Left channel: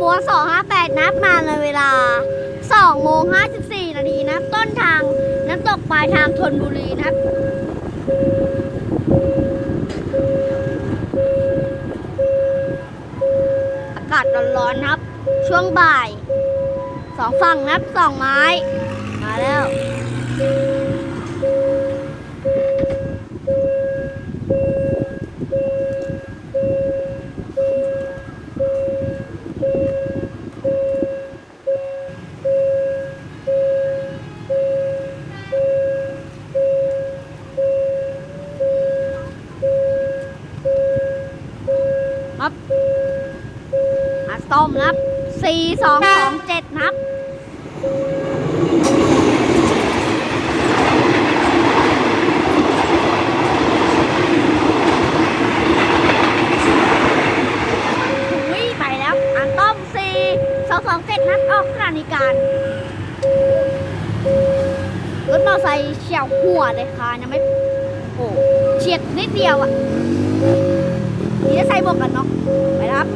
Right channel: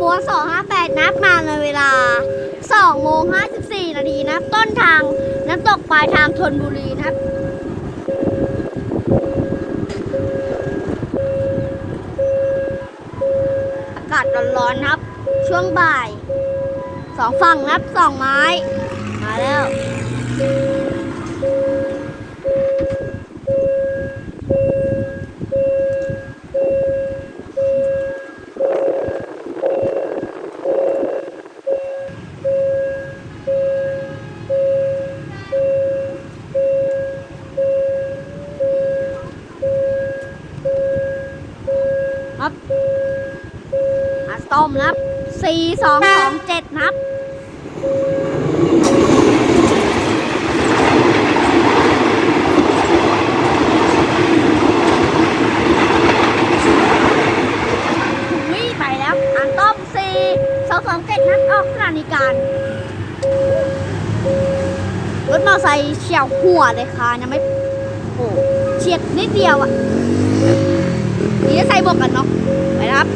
บวน 258 นับมาในเวลา 2 โมง 54 นาทีนะต้นทางน้ำตกปลายทางธนบุรีนะครับอากาศร้อนๆครับ ช่วงบ่าย สองฝั่งนับสองไม้ ครับมาส้มนับสี่สองสองเจ็ดนับอุ้ยไปแล้วอันต้มสี่สองสองเจ็ดนัดออกสถานีการรถมอเตอร์ไซค์เฉียวหัวเลยค่ะยังไม่โอ้เฉียดนิดเดียวอะ่ะ ใส่บวกกันเนาะไปครับ